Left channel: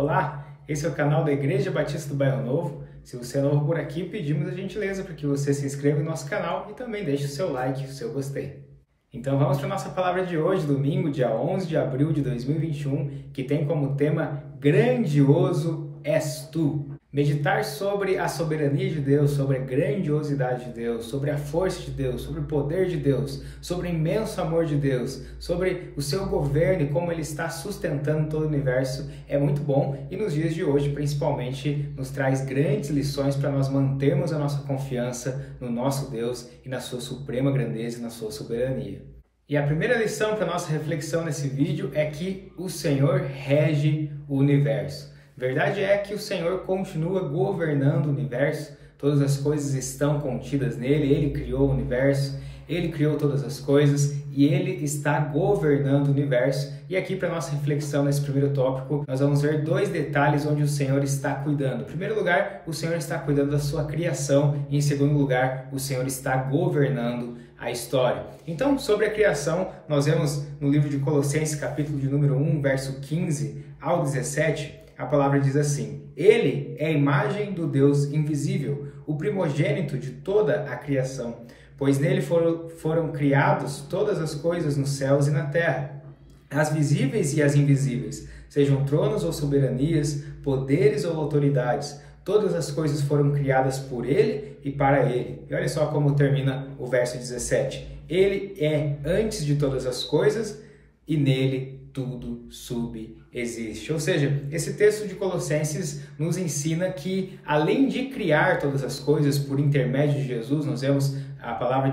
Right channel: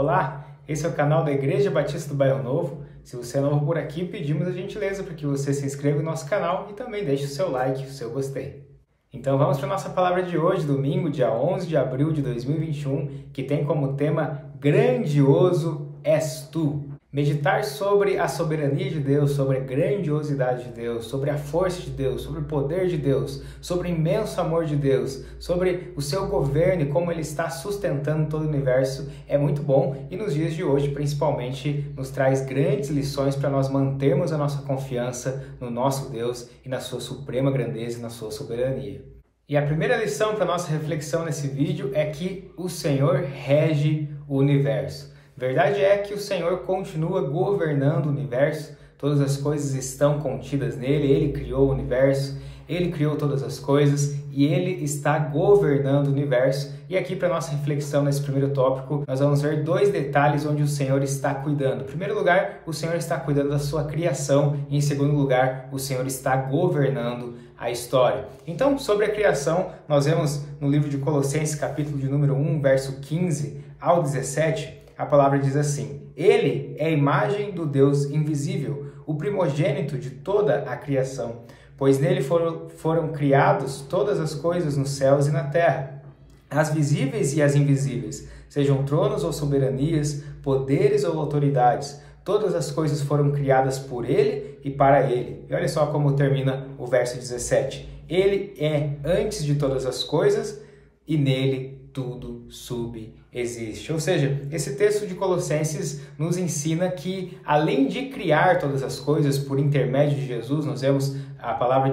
Olá, esse é o canal da Igreja Batista do Bairro Novo. Se você é novo por aqui, pedimos a gentileza para que você se inscreva no nosso canal e também deixe o seu like, o seu gostei. Então vamos para a nossa palavra de hoje, domingo, dia 11 de abril de 2021, que tem como tema Grandioso és tu. Meditar sobre a soberania de Deus, sobre a grandiosidade de Deus, sobre a força de Deus, sobre o poder de Deus, sobre o imenso amor de Deus, sobre o seu governo e como ele está sustentando todo o universo é muito bom e nos dias de hoje, principalmente, nos traz grandes lições para nós mantermos a nossa confiança no nosso Deus e na sua suprema grandeza e na sua soberania. E a primeira lição para nossa reflexão nesse vídeo é que o Senhor rege o universo. Verdade é que o Senhor continua governando o universo, todas as coisas estão contidas nele, ele criou o universo, ele criou todas as coisas e ele está governando o universo. E aqui para nossa reflexão nesse primeiro tópico, nós vamos ver dois detalhes onde o Senhor está cuidando. Em primeiro lugar, o Senhor está cuidando da sua criação e em segundo lugar, o Senhor está governando a história. Então, sobre a criação, nós vemos no livro de Colossenses, capítulo de número 1, verso 15 ao 17, a palavra diz assim: Ele é a imagem do Deus invisível, o primogênito de toda a criação, pois nele foram criados todas as coisas nos céus e na terra, as visíveis e as invisíveis, sejam tronos ou soberanias, poderes ou autoridades. Todas as coisas foram criadas por ele e para ele. E olha só como termina o verso 17. Ele é antes de todas as coisas e nele tudo subsiste. Ou seja, esse texto de Colossenses nos ensina que, além de criar todas as coisas por intermédio de Jesus, nós vemos a palavra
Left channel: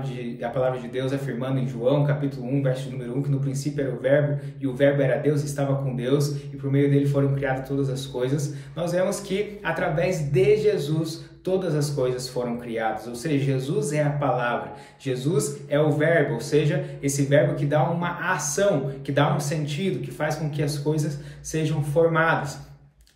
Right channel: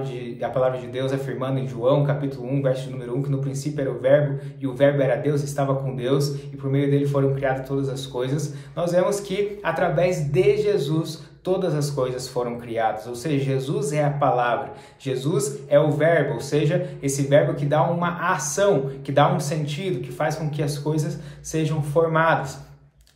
de Deus afirmando em João, capítulo 1, verso número 1, que no princípio era o Verbo, e o Verbo era Deus, estava com Deus, e por meio dele foram criadas todas as coisas. Nós vemos que, através de Jesus, todas as coisas foram criadas, ou seja, Jesus é a palavra, Jesus é o verbo, ou seja, esse verbo que dá uma ação, que dá um sentido, que faz com que as coisas sejam formadas.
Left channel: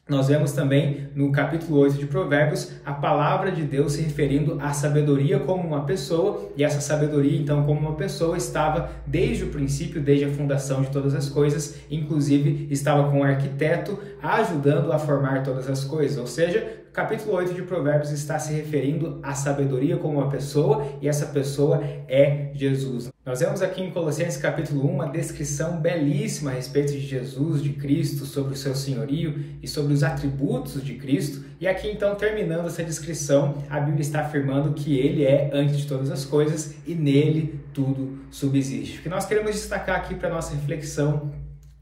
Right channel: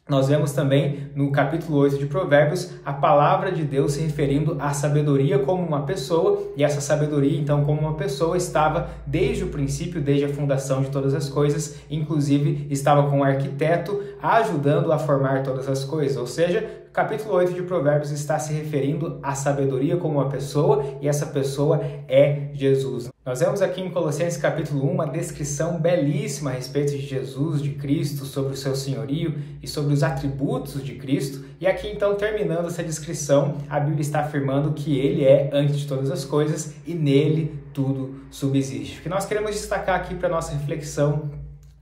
Nós vemos também no capítulo 8 de Provérbios a palavra de Deus se referindo à sabedoria como uma pessoa, e essa sabedoria, então, como uma pessoa, estava desde o princípio, desde a fundação de todas as coisas, inclusive estava com o arquiteto ajudando a formar todas as coisas, ou seja, o capítulo 8 de Provérbios está se referindo à sabedoria como uma pessoa, e essa pessoa é Jesus. Nós vemos aqui em Colossenses capítulo 1 uma descrição belíssima a respeito de Jesus, de Cristo, sobre o seu senhorio e sobre os atributos de Cristo. E aqui então, terminando essa descrição, a Bíblia está afirmando que ele é antes de todas as coisas e nele tudo subsiste. O que nós queremos destacar aqui para a nossa reflexão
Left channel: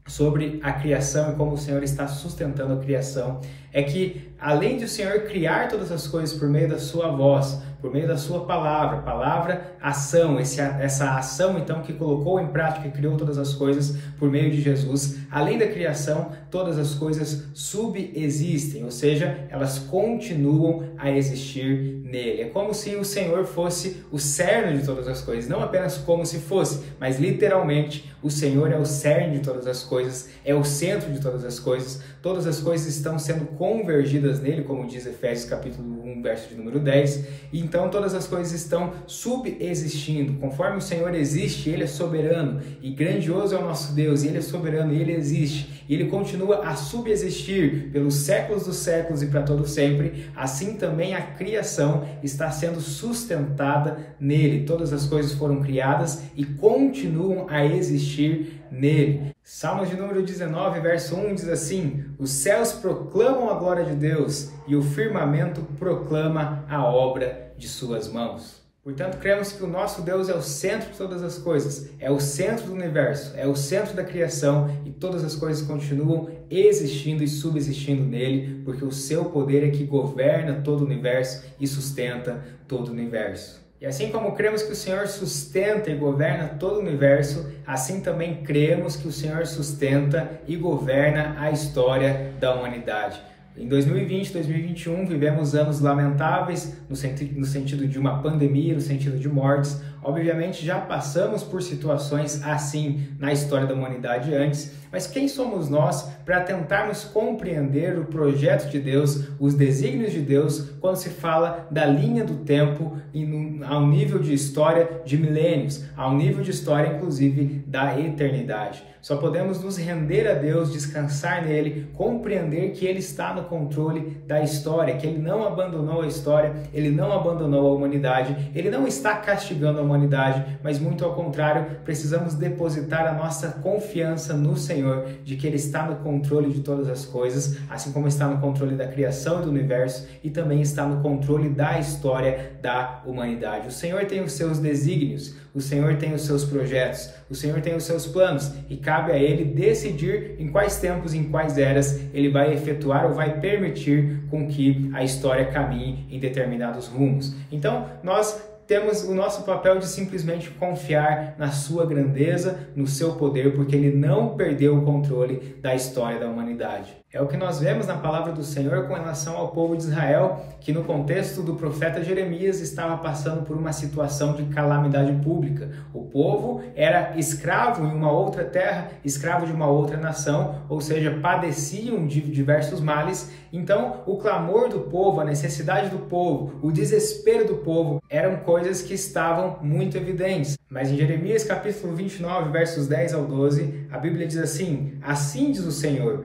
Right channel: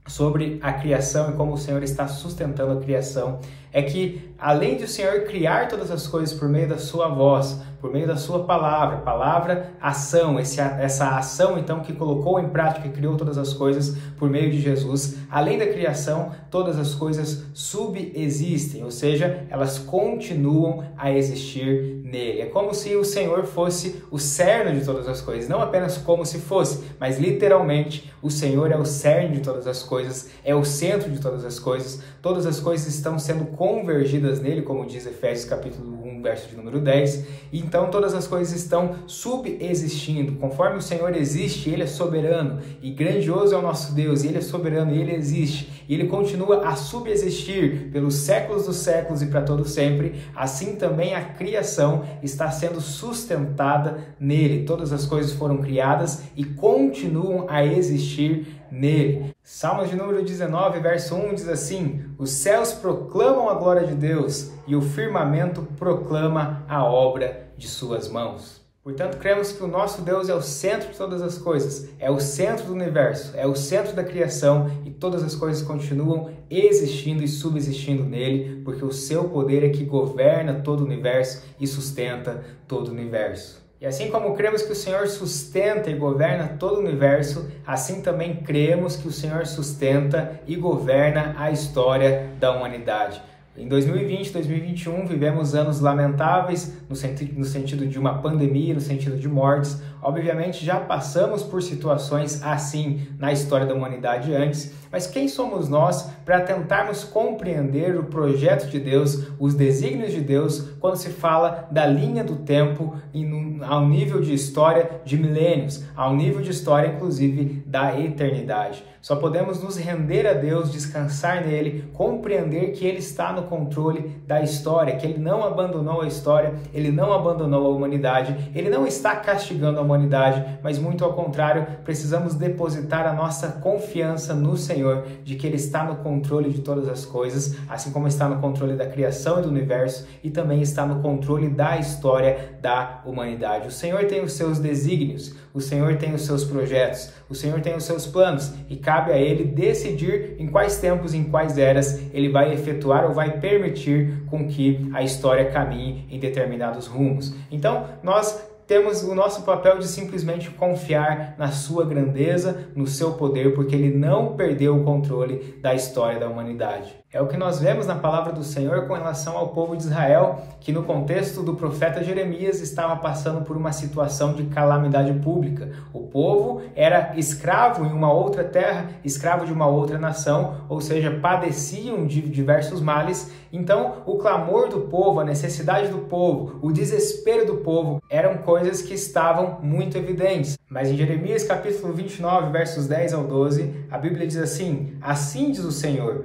sobre a criação e como o Senhor está sustentando a criação é que, além de o Senhor criar todas as coisas por meio da sua voz, por meio da sua palavra, ação, essa ação então que colocou em prática e criou todas as coisas por meio de Jesus, além da criação, todas as coisas subsistem, ou seja, elas continuam a existir nele. É como se o Senhor fosse o cerne de todas as coisas, não apenas como se fosse, mas literalmente o Senhor é o cerne de todas as coisas, é o centro de todas as coisas estão sendo convergidas nele, como diz Efésios capítulo 1, verso de número 10, e então todas as coisas estão subsistindo, conforme o Senhor existe, ele é soberano, e grandioso é o nosso Deus, e ele é soberano, e ele existe, e ele continua a subsistir pelos séculos dos séculos e para todo sempre. Assim também a criação está sendo sustentada nele, todas as coisas foram criadas e continuam a existir nele. Salmos de número 19, verso 1 diz assim: os céus proclamam a glória de Deus e o firmamento proclama a obra de suas mãos. Portanto, cremos que o nosso Deus é o centro de todas as coisas, é o centro do universo, é o centro da criação e todas as coisas continuam existindo e subsistindo nele, porque o seu poder é que governa todo o universo e sustenta todo o universo. E assim como cremos que o Senhor sustenta e governa todo o universo, assim também cremos que o Senhor sustenta e governa a história da humanidade. Em 2020 e 2021 vivemos anos lamentáveis no sentido de uma pandemia, no sentido de mortes. Obviamente já passamos por situações assim na história da humanidade antes, mas quem somos nós para tentarmos compreender o projeto de Deus, os desígnios de Deus, quando se fala da linha do tempo e ao nível de história de milênios, ao nível de história inclusive da eternidade? Só podemos nos render a Deus, descansar nele, compreender que ele está no controle da história, que ele não abandonou a história, ele não abandonou a humanidade, ele não está castigando a humanidade, mas muito ao contrário, precisamos depositar a nossa confiança no Senhor, de que ele está no controle de todas as coisas, assim como está no controle da criação e do universo, e também está no controle da história da humanidade. O Senhor tem os seus desígnios, o Senhor tem os seus projetos, o Senhor tem os seus planos, e cabe a ele decidir em quais tempos, em quais eras ele vai efetuar ou vai permitir com que a história caminhe em determinados rumos. Então, nós temos o nosso papel de simplesmente confiar na sua grandeza, no seu poder, porque ele não perdeu o controle da história da humanidade. É o que nós vemos na palavra do Senhor com relação ao povo de Israel, que no contexto do profeta Jeremias estava passando por uma situação de calamidade pública. O povo era escravo em uma outra terra, escravo de uma outra nação, ou seja, padeciam de diversos males. Então, o clamor do povo, a necessidade do povo, o desespero do povo eram coisas que estavam muito evidentes. Mas em Jeremias capítulo 29, versos 10 ao 12, a Bíblia diz assim: assim diz o Senhor,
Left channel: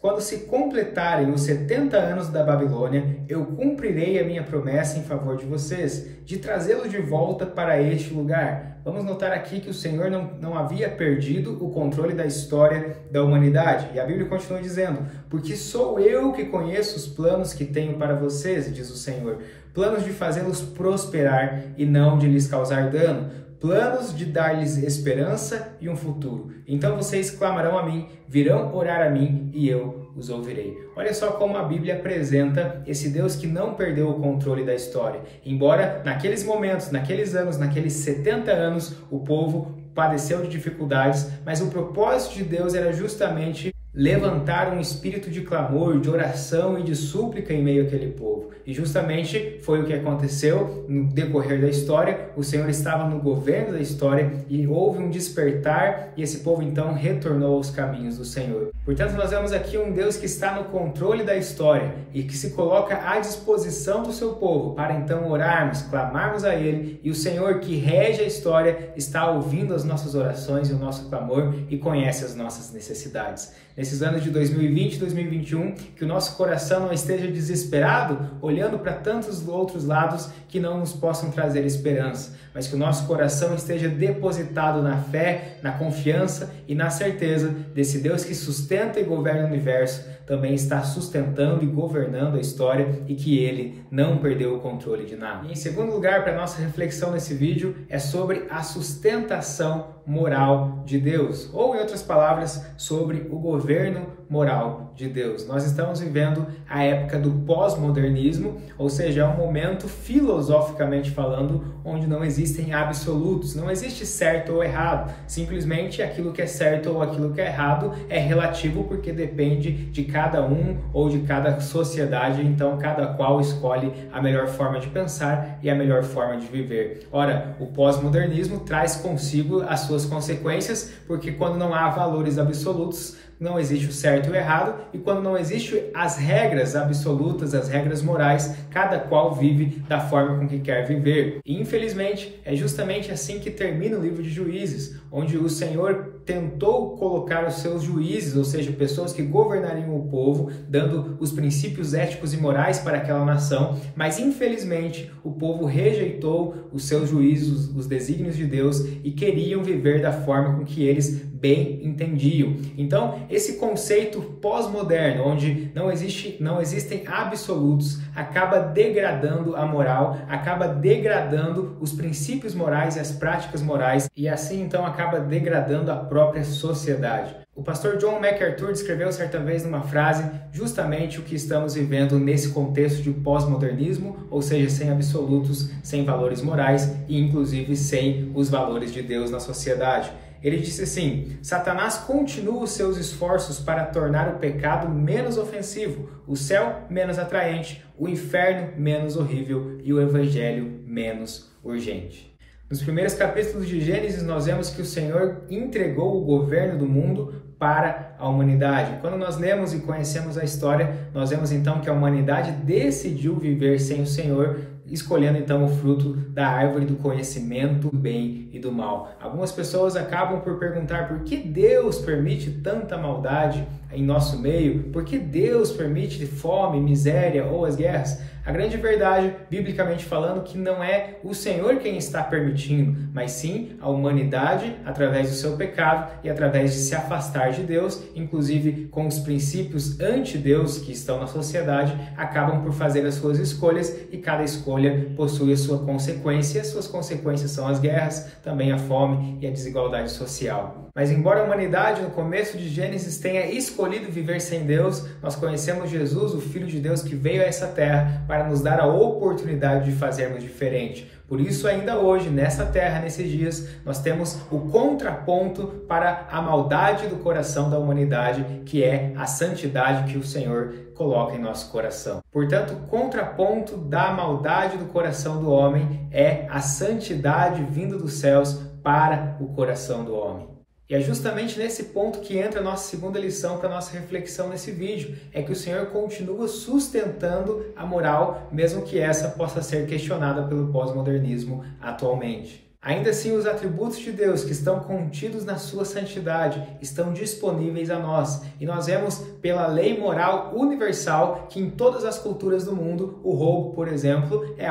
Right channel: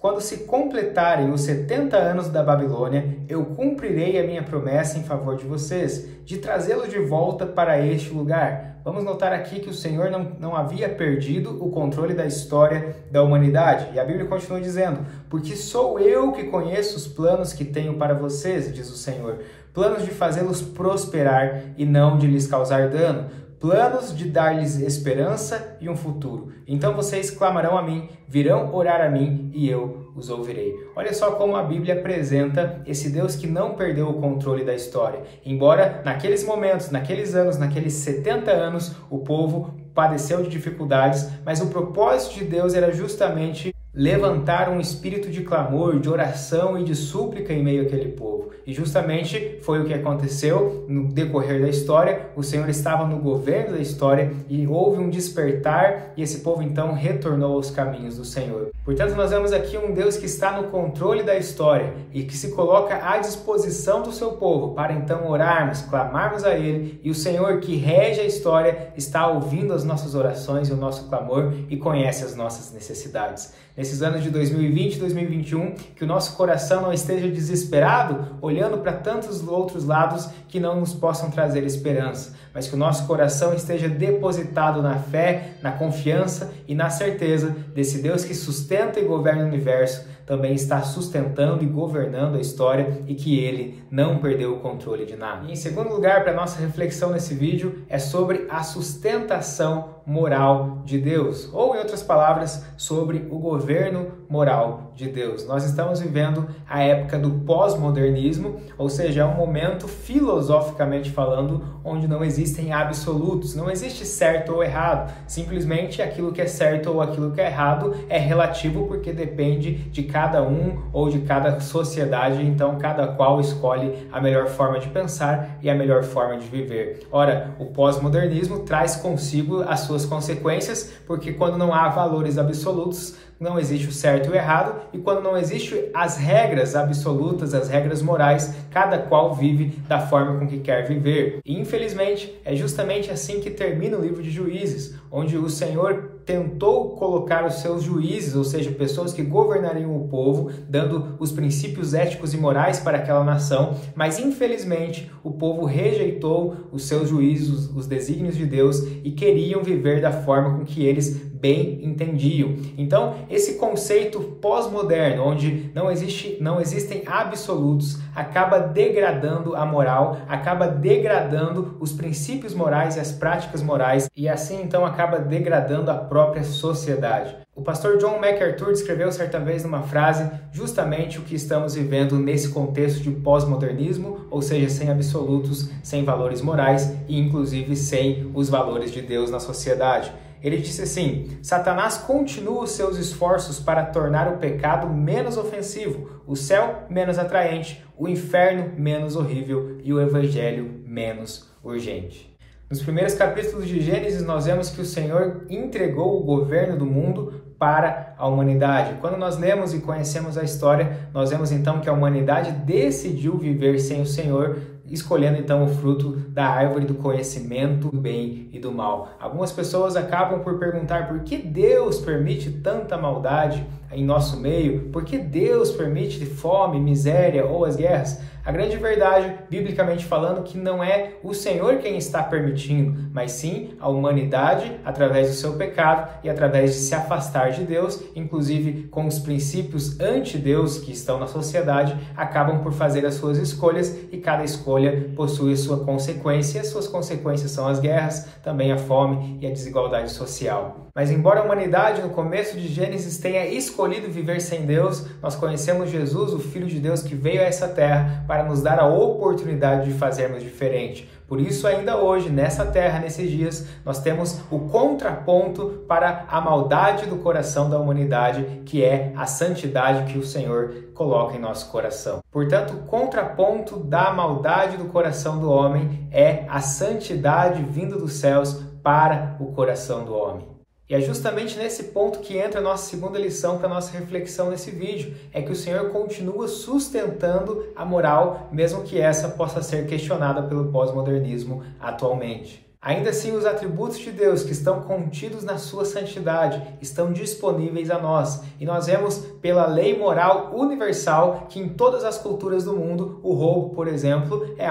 quando se completarem os 70 anos da Babilônia, eu cumprirei a minha promessa em favor de vocês, de trazê-los de volta para este lugar. Vamos notar aqui que o Senhor não havia perdido o controle da história da humanidade. E a Bíblia continua dizendo: porque sou eu que conheço os planos que tenho para vocês, diz o Senhor, planos de fazê-los prosperar e não de lhes causar dano, planos de dar-lhes esperança e um futuro. Então vocês clamarão a mim, virão orar a mim e eu os ouvirei. Olha só como a Bíblia apresenta esse Deus que não perdeu o controle da história. Embora naqueles momentos, naqueles anos, naqueles 70 anos, o povo padeceu de dificuldades, mas o propósito de Deus era justamente levantar um espírito de clamor, de oração e de súplica em meio àquele povo. E justamente foi o que aconteceu no decorrer da história. O Senhor estava no governo da história e houve um despertar e esse povo então retornou aos caminhos do Senhor. Portanto, nós vemos aqui um Deus que está no controle da história e que se coloca à disposição do seu povo para então orarmos, clamarmos a Ele, e o Senhor que rege a história está ouvindo as nossas orações e o nosso clamor e conhece as nossas necessidades. Nesses anos de 2020 e 2021, que o nosso coração não esteja desesperado, olhando para tantos outros lados que não nos possam trazer esperança, mas que o nosso coração esteja depositado na fé, na confiança e na certeza desse Deus que sustenta e governa o universo, também está sustentando e governando a história e que Ele não perdeu o controle de nada. E em segundo lugar, para a nossa reflexão nesse vídeo, é sobre a sustentação moral de Deus, ou em outras palavras, sobre o governo moral de Deus. Nós estamos vivendo a época do pós-modernismo, ou seja, é um momento filosoficamente falando onde não existem absolutos, não existe certo ou errado, simplesmente aquilo que é certo ou aquilo que é errado é relativo porque depende de cada um ou de cada sociedade, então cada qual escolhe a melhor forma de pensar e a melhor forma de viver. Ora, o pós-modernismo traz consigo as suas consequências, porque quando não há valores absolutos, não existe o certo e o errado, e quando não existem as regras absolutas, as regras morais, cada qual vive da forma com que quer viver. E infelizmente é justamente assim que termina o livro de Juízes, onde o Senhor tentou colocar os seus juízes, ou seja, pessoas que governariam o povo, dando os princípios éticos e morais para aquela nação, mas infelizmente o povo rejeitou os seus juízes, os desígnios de Deus, e queriam viver da forma com que eles bem entendiam. Então, esse conceito pós-moderno, onde não existem absolutos, acaba degradando a moral, acaba degradando os princípios morais e as práticas morais, e assim então acaba degradando a própria sociedade. O pastor John MacArthur descreveu certa vez numa frase justamente o que estamos vivendo nesse contexto de pós-modernismo, ou seja, sem absolutos, sem valores morais e inclusive sem os valores de Deus na sociedade. Ele disse assim: Satanás continua os seus esforços para tornar o pecado menos ofensivo, o céu menos atraente, o inferno menos horrível e o evangelho menos urgente. Nos primeiros capítulos de Gênesis, nós vemos que o Senhor entregou o governo do mundo para a humanidade. Quando nós lemos e conhecemos a história, nós vemos então que a humanidade decidiu viver sem o Senhor escolhendo então o fruto da árvore do conhecimento do bem e do mal. Algumas pessoas acabam por perguntar por que Deus permite tanta maldade em nosso meio, por que Deus permite fome, miséria ou as guerras. A grande verdade, biblicamente falando, que não é o Senhor quem está permitindo, mas sim a humanidade, através do seu pecado e através de se afastar de Deus, inclusive com os princípios anti-Deus que estão na sociedade, acabam por fazer as suas escolhas e cada escolha possui a sua consequência. E as suas consequências são as guerras, também a fome e a desigualdade social. Mas embora a humanidade, no começo de Gênesis, tenha escolhido viver sem Deus, nós conhecemos Jesus, o Filho de Deus, que veio a essa terra para nos dar a oportunidade de fazermos diferente. Por isso, ainda hoje, nessa terra, nesses dias, nós temos o contraponto para a maldade do coração da humanidade, que é a santidade que o Senhor coloca em nosso coração. Portanto, o contraponto da maldade do coração do homem é a santidade vinda dos céus para o coração do homem. E é justamente nesse ponto que entra a nossa segunda lição para a nossa reflexão nesse vídeo, é que o Senhor continua sustentando a moral, mesmo que essa possa ser questionada pelo pós-modernismo atualmente. Ainda assim, os atributos de Deus que estão contidos na sua santidade estão disponíveis a nós. E nós vemos pela lei moral universal que em todas as culturas do mundo, o roubo, por exemplo, é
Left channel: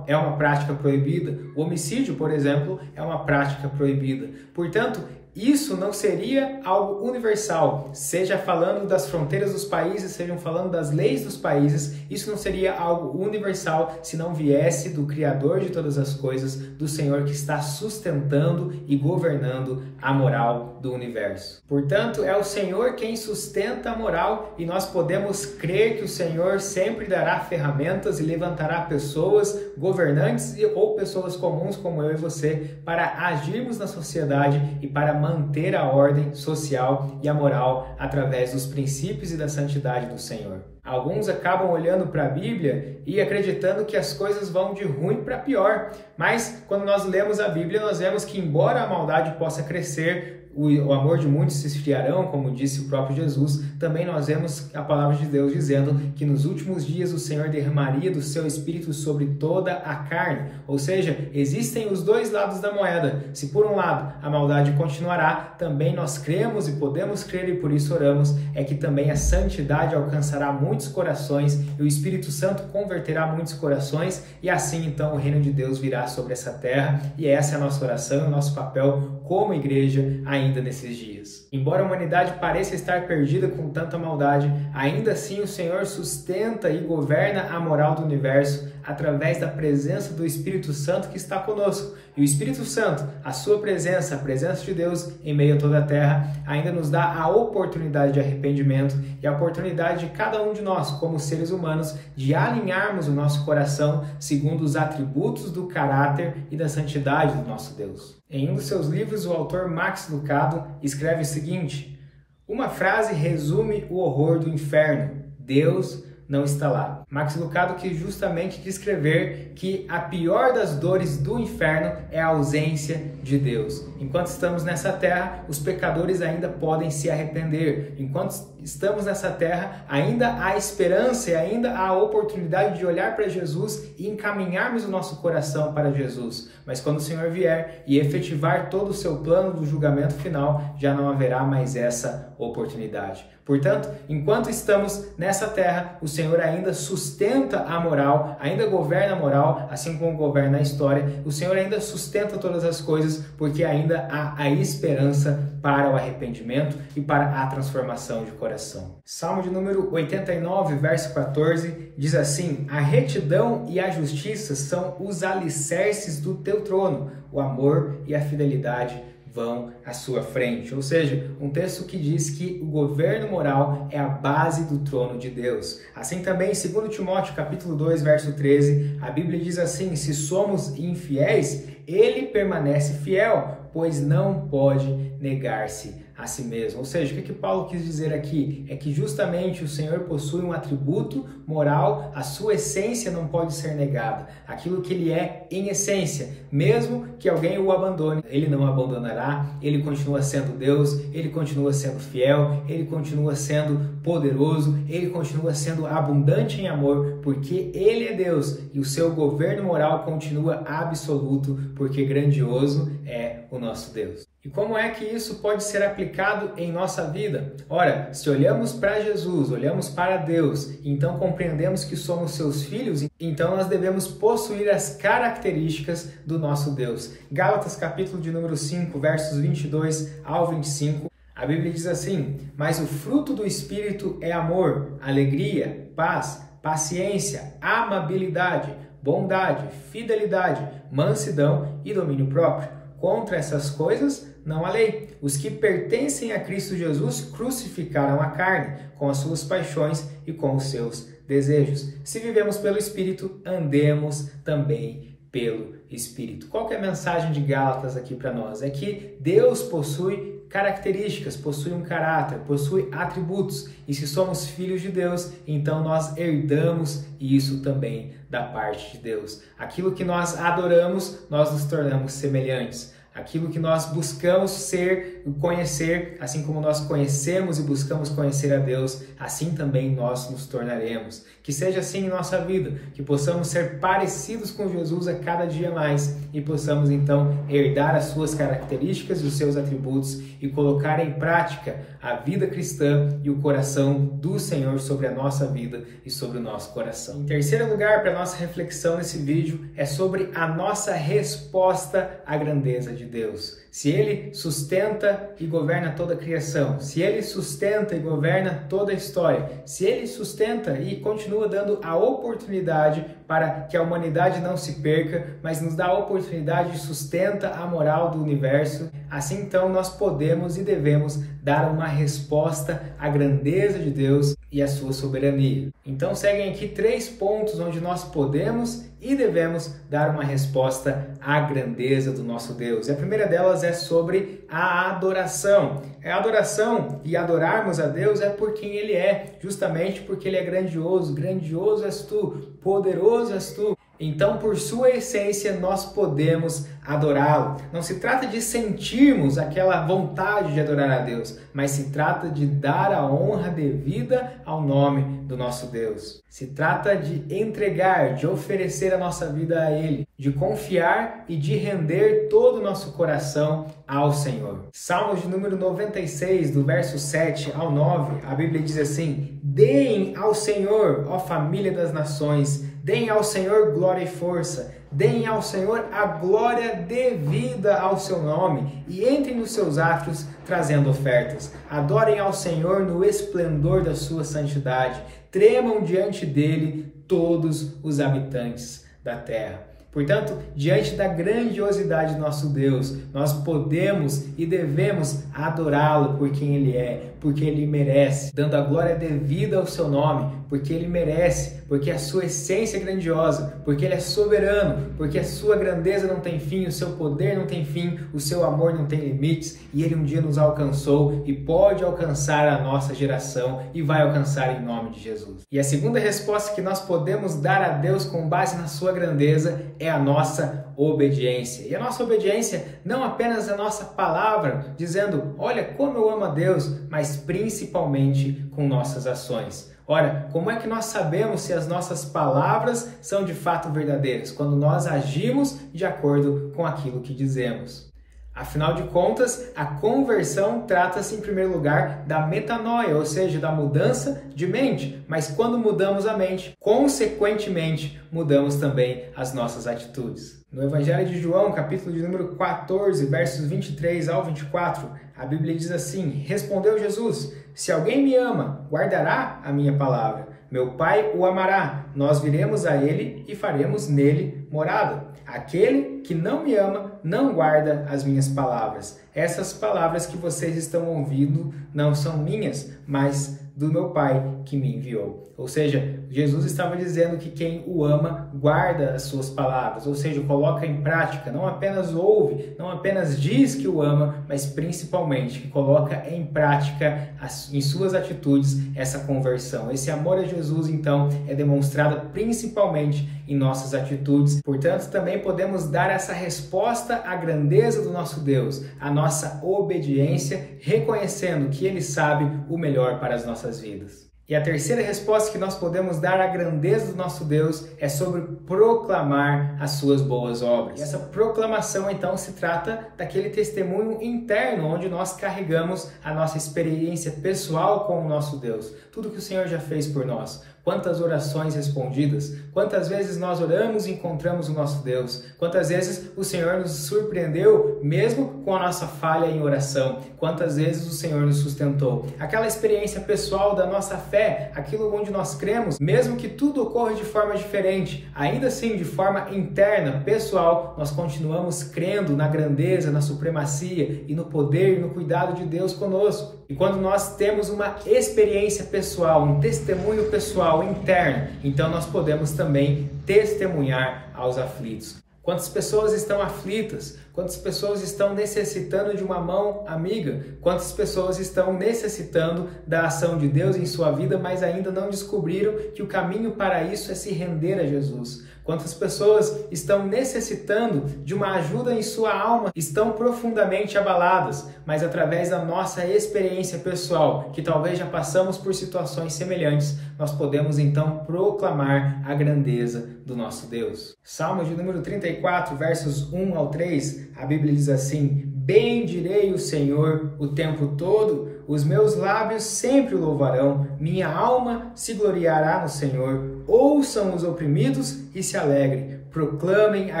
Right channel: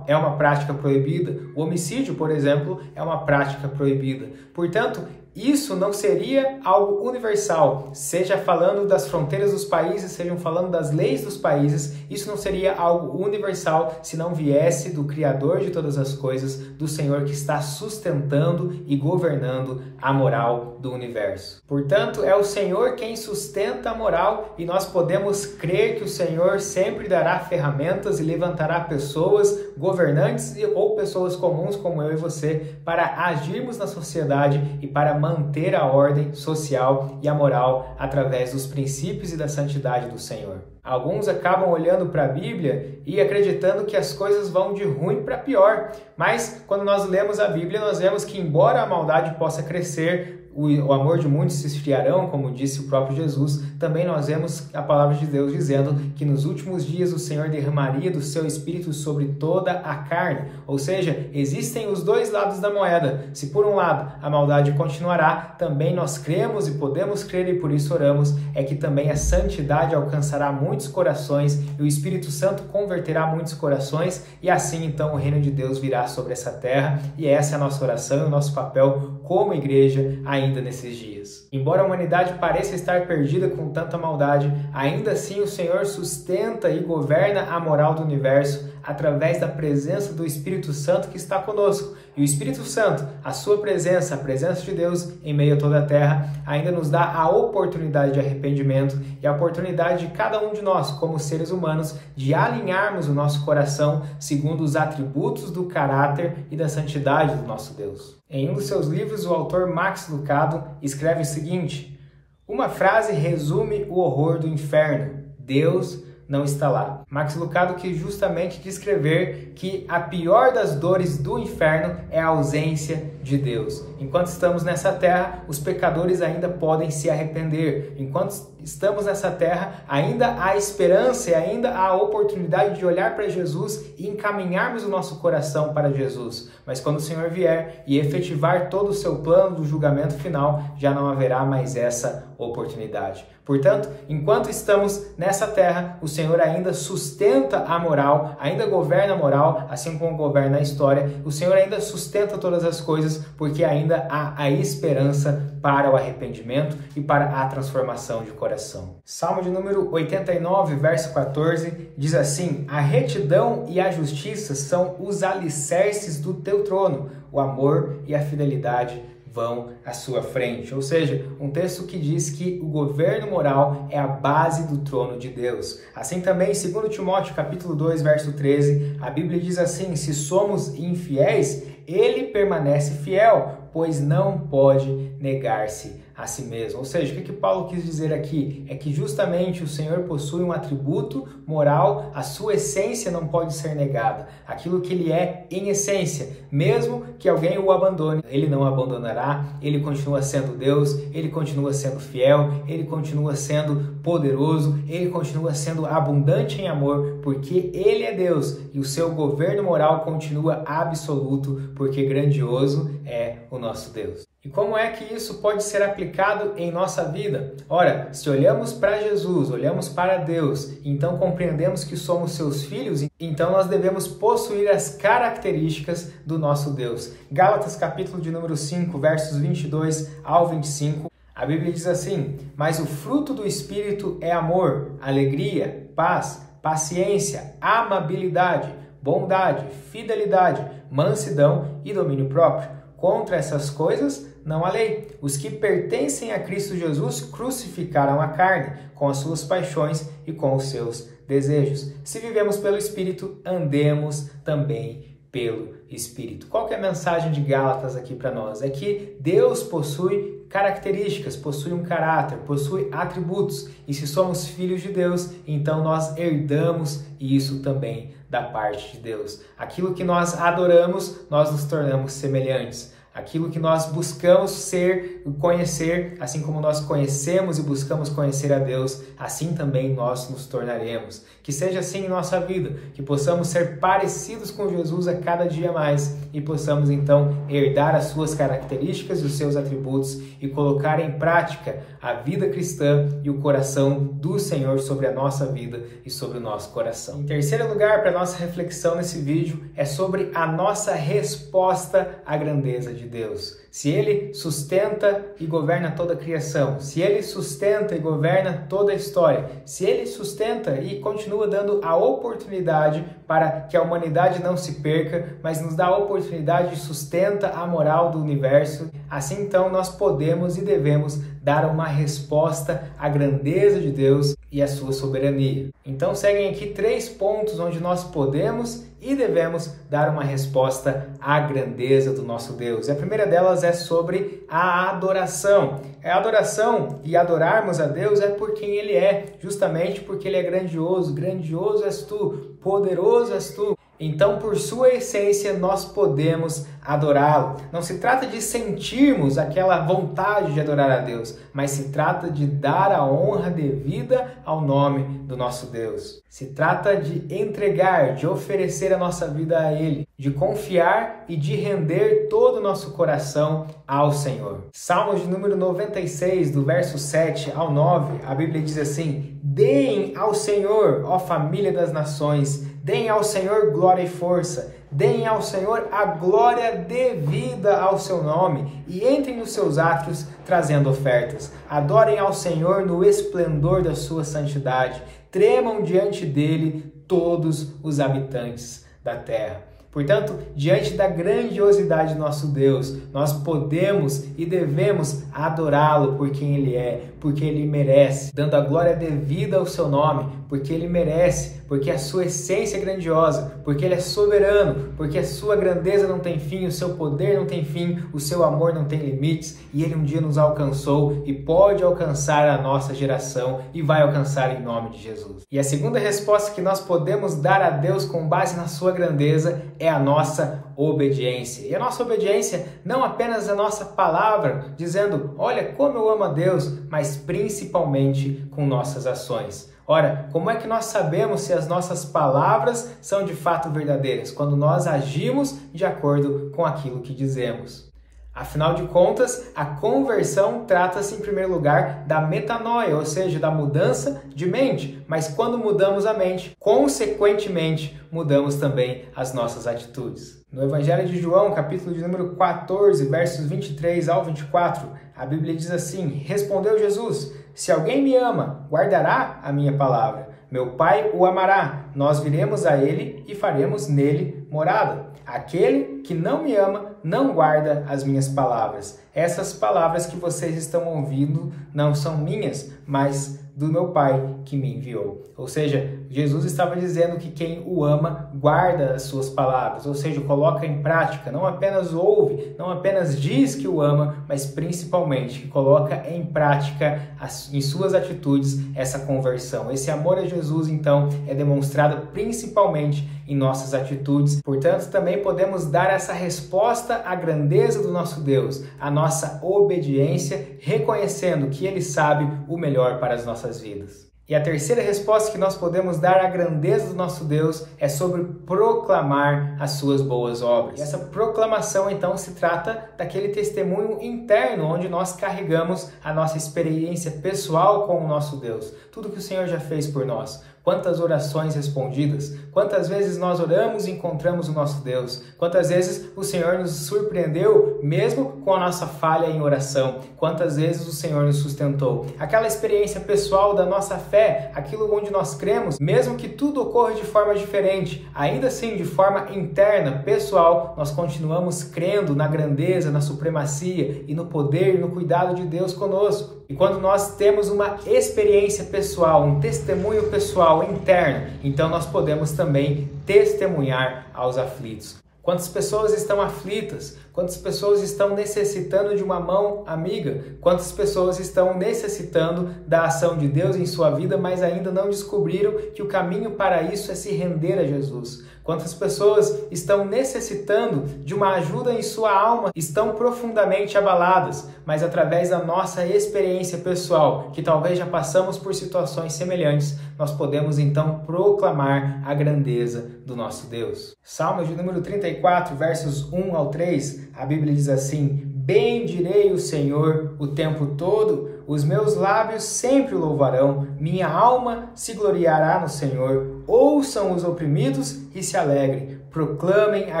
uma prática proibida. O homicídio, por exemplo, é uma prática proibida. Portanto, isso não seria algo universal, seja falando das fronteiras dos países, sejam falando das leis dos países, isso não seria algo universal se não viesse do Criador de todas as coisas, do Senhor que está sustentando e governando a moral do universo. Portanto, é o Senhor quem sustenta a moral e nós podemos crer que o Senhor sempre dará ferramentas e levantará pessoas, governantes ou pessoas comuns como eu e você, para agirmos na sociedade e para manter a ordem social e a moral através dos princípios e da santidade do Senhor. Alguns acabam olhando para a Bíblia e acreditando que as coisas vão de ruim para pior, mas quando nós lemos a Bíblia, nós vemos que embora a maldade possa crescer, o amor de muitos se esfriarão, como disse o próprio Jesus, também nós vemos a palavra de Deus dizendo que nos últimos dias o Senhor derramaria do seu Espírito sobre toda a carne. Ou seja, existem os dois lados da moeda. Se por um lado a maldade continuará, também nós cremos e podemos crer e por isso oramos, é que também a santidade alcançará muitos corações e o Espírito Santo converterá muitos corações e assim então o reino de Deus virá sobre essa terra e essa é a nossa oração, o nosso papel como igreja ainda nesses dias. Embora a humanidade pareça estar perdida com tanta maldade, ainda assim o Senhor sustenta e governa a moral do universo através da presença do Espírito Santo que está conosco. E o Espírito Santo, a sua presença, a presença de Deus em meio a toda a terra, ainda nos dá a oportunidade de arrependimento e a oportunidade de cada um de nós, como seres humanos, de alinharmos o nosso coração segundo os atributos do caráter e da santidade do nosso Deus. Em um dos seus livros, o autor Max Lucado escreve o seguinte: uma frase resume o horror do inferno: Deus não está lá. Max Lucado quis justamente descrever que a pior das dores do inferno é a ausência de Deus. Enquanto estamos nessa terra, os pecadores ainda podem se arrepender. Enquanto estamos nessa terra, ainda há esperança e ainda há a oportunidade de olhar para Jesus e encaminharmos o nosso coração para Jesus. Mas quando o Senhor vier e efetivar todo o seu plano do julgamento final, já não haverá mais essa oportunidade. Portanto, enquanto estamos nessa terra, o Senhor ainda sustenta a moral, ainda governa a moral, assim como governa a história. O Senhor ainda sustenta todas as coisas, porque ainda há a esperança para o arrependimento e para a transformação de coração. Salmo de número 89, verso 14, diz assim: a retidão e a justiça são os alicerces do teu trono, o amor e a fidelidade vão à sua frente. Ou seja, um texto que diz que o governo moral é a base do trono de Deus. Assim também, em 2 Timóteo, capítulo 2, verso 13, a Bíblia diz assim: se somos infiéis, ele permanece fiel, pois não pode negar-se a si mesmo. Ou seja, o que Paulo quis dizer aqui? É que justamente o Senhor possui um atributo moral, a sua essência não pode ser negada. Aquilo que ele é em essência, mesmo que alguém o abandone, ele não abandonará, ele continua sendo Deus, ele continua sendo fiel, ele continua sendo poderoso, ele continua sendo abundante em amor, porque ele é Deus e o seu governo moral continua absoluto, porque grandioso é o nosso Deus. E como é que isso pode ser aplicado em nossa vida? Ora, se olhamos para Jesus, olhamos para Deus, então compreendemos que somos seus filhos, então nós devemos possuir as características do nosso Deus. Gálatas capítulo de número 5, versos 22 ao 25, a Bíblia diz assim: mas o fruto do Espírito é amor, alegria, paz, paciência, amabilidade, bondade, fidelidade, mansidão e domínio próprio. Contra essas coisas não há lei. Os que pertencem a Cristo Jesus crucificaram a carne, com as suas paixões e com os seus desejos. Se vivemos pelo Espírito, andemos também pelo Espírito. Qual que é a mensagem de Gálatas aqui para nós? É que Deus possui características, possui um caráter, possui atributos. E se somos filhos de Deus, então nós herdamos isso também da parte de Deus. Aquilo que nós adoramos, nós nos tornamos semelhantes. Aquilo que nós buscamos ser e conhecer, assim como nós conhecemos e buscamos conhecer a Deus, assim também nós nos tornaremos. Que seja assim em nossa vida, que possamos ser parecidos com Jesus a cada dia mais e possamos então herdar as suas características e os seus atributos e colocar em prática a vida cristã e o coração do Senhor sobre a nossa vida e sobre o nosso coração. Em terceiro lugar, para a nossa reflexão nesse vídeo, é sobre a nossa resposta à grandeza de Deus. Se Ele sustenta e governa toda a criação, se Ele sustenta e governa toda a história, se Ele sustenta e continua dando a oportunidade para que a humanidade não se perca, mas nos dá a oportunidade e sustenta a moral do universo, assim então nós podemos e devemos dar uma resposta à grandeza de Deus e à sua soberania. Então seguem aqui 3 pontos onde nós podemos e devemos dar uma resposta à grandeza do nosso Deus. E a primeira delas é sobre a adoração. A adoração e adorarmos a Deus é por quem Ele é, justamente porque Ele é grandioso. Grandioso és tu, poderoso és tu. Então, por sua essência, nós podemos adorá-lo. Não se trata de sentirmos aquela vontade de adorar a Deus, mas se trata de dar a honra devida ao nome do nosso Deus. Se trata de entregar, de oferecer a nossa vida a Ele, de confiar e de render todo o nosso coração ao Senhor. Salmos de número 96, do verso 7 ao 9, a Bíblia diz assim: deem ao Senhor, ó família das nações, deem ao Senhor glória e força, deem ao Senhor a glória devida ao seu nome e entrem nos seus átrios trazendo ofertas. Adorem ao Senhor no esplendor da sua santidade, tremam diante dele todos os habitantes da terra. Portanto, diante da grandiosidade do nosso Deus, nós podemos e devemos adorá-lo por quem Ele é, porque Ele merece, dando a glória devida ao seu nome, porque Ele merece, porque a sua essência é grandiosa, porque Ele é soberano, porque a sua grandeza não tem fim, o seu poder não tem fim, o seu amor não tem limites, e Ele um dia nos alcançou e pode alcançar a nossa geração e vai alcançar em nome de Jesus. E a segunda resposta que nós podemos dar a Deus com base na sua grandeza é a nossa obediência. E a nossa obediência não apenas a nossa palavra, dizendo, olha como eu amo a Deus, mas principalmente com nossas ações. Ora, como é que nós sabemos se as nossas palavras são de fato verdadeiras? Quando nós agimos de acordo com aquilo que dizemos. Afinal de contas, a conversão trata-se em primeiro lugar da metanoia, ou seja, da mudança de mente. Mas quando mudamos a mente, consequentemente, mudamos também as nossas atitudes. No Evangelho de João, capítulo de número 14, versos 23 ao 24, a Bíblia diz assim: respondeu Jesus: se alguém me ama, guardará a minha palavra. Meu Pai o amará, nós viremos a ele e faremos nele morada. Aquele que não me ama, não guarda as minhas palavras. Essas palavras que vocês estão ouvindo não são minhas, mas do meu Pai que me enviou. Ou seja, Jesus estava dizendo que quem o ama guarda as suas palavras, ou seja, coloca em prática, não apenas ouve, não apenas diz que o ama, mas principalmente que coloca em prática em suas atitudes essa conversão. Esse amor a Jesus, então, é demonstrado principalmente em nossas atitudes. Portanto, também podemos dar essa resposta à grandeza do nosso Deus, à nossa obediência, reconhecendo que Ele sabe o melhor para as nossas vidas. E a terceira resposta que nós podemos dar à grandeza do nosso Deus é sobre proclamar as suas boas obras. E essa proclamação, então, se trata daquele testemunho interno, onde nós carregamos a nossa experiência pessoal com o nosso Deus. Tudo que o Senhor já fez por nós. Quantas orações respondidas, quantas vezes nós oramos e encontramos o nosso Deus, quantas vezes o Senhor nos surpreendeu mesmo com a nossa falha em oração, quantas vezes o Senhor nos sustentou. Aquela experiência pessoal da nossa fé, aquilo onde nós cremos, mesmo que tudo ocorra de forma diferente, ainda assim de forma interna, pessoal, nós continuamos crendo na grandeza, na supremacia e no poder e no cuidado de Deus conosco. E quando nós temos uma experiência pessoal, um testemunho pessoal interno, então nós podemos também testemunhar aos aflitos. Quantas pessoas estão aflitas? Quantas pessoas estão necessitando de uma mão amiga? Quantas pessoas estão necessitando da ação de Deus em sua vida, mas ainda não descobriram que o caminho para isso é se render a Jesus? Quantas pessoas estão necessitando de uma ajuda em sua alma, estão profundamente abaladas, mas através da nossa experiência pessoal, que talvez já passamos por situações semelhantes, nós podemos então proclamar a grandeza do nosso Deus. Salmo de número 34, versos 1 ao 3, a Bíblia diz assim: bendirei o Senhor o tempo todo, os meus lábios sempre o louvarão, minha alma se gloriará no Senhor. Ouçam os oprimidos e se alegrem, proclamem a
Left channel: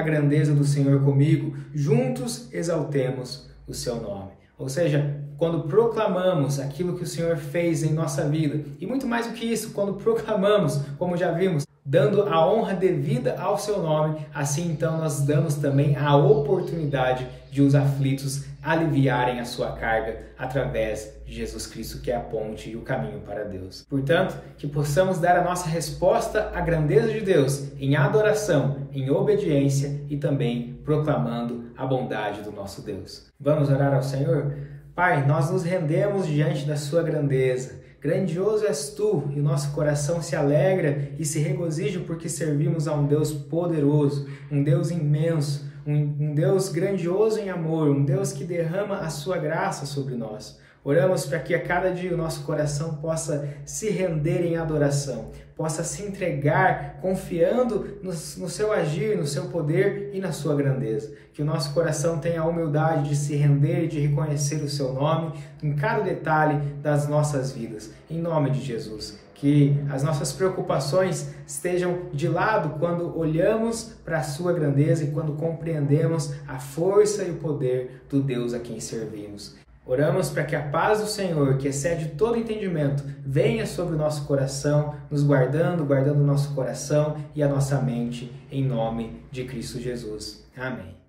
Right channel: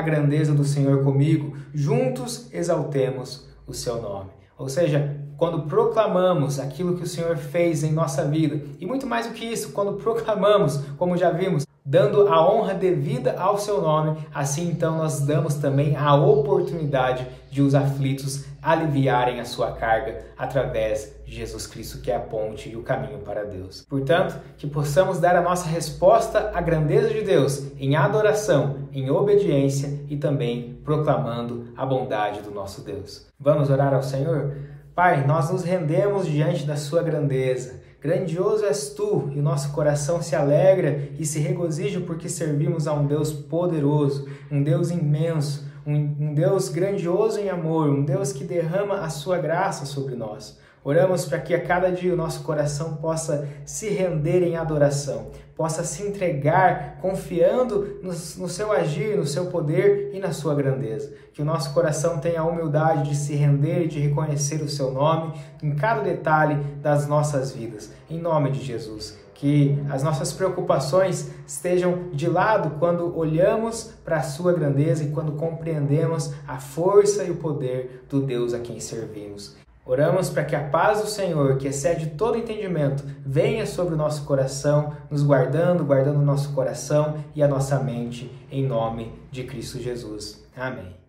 grandeza do Senhor comigo, juntos exaltemos o seu nome. Ou seja, quando proclamamos aquilo que o Senhor fez em nossa vida, e muito mais do que isso, quando proclamamos, como já vimos, dando a honra devida ao seu nome, assim então nós damos também a oportunidade de os aflitos aliviarem a sua carga através de Jesus Cristo, que é a ponte e o caminho para Deus. Portanto, que possamos dar a nossa resposta à grandeza de Deus em adoração, em obediência e também proclamando a bondade do nosso Deus. Vamos orar ao Senhor? Pai, nós nos rendemos diante da sua grandeza. Grandioso és tu, e nosso coração se alegra e se regozija porque servimos a um Deus poderoso, um Deus imenso, um Deus grandioso em amor, um Deus que derrama a sua graça sobre nós. Oramos para que a cada dia o nosso coração possa se render em adoração, possa se entregar confiando no seu agir, no seu poder e na sua grandeza. Que o nosso coração tenha a humildade de se render e de reconhecer o seu nome em cada detalhe das nossas vidas. Em nome de Jesus. Que as nossas preocupações estejam de lado quando olhamos para a sua grandeza e quando compreendemos a força e o poder do Deus a quem servimos. Oramos para que a paz do Senhor, que excede todo entendimento, venha sobre o nosso coração, nos guardando o nosso coração e a nossa mente, em nome de Cristo Jesus. Amém.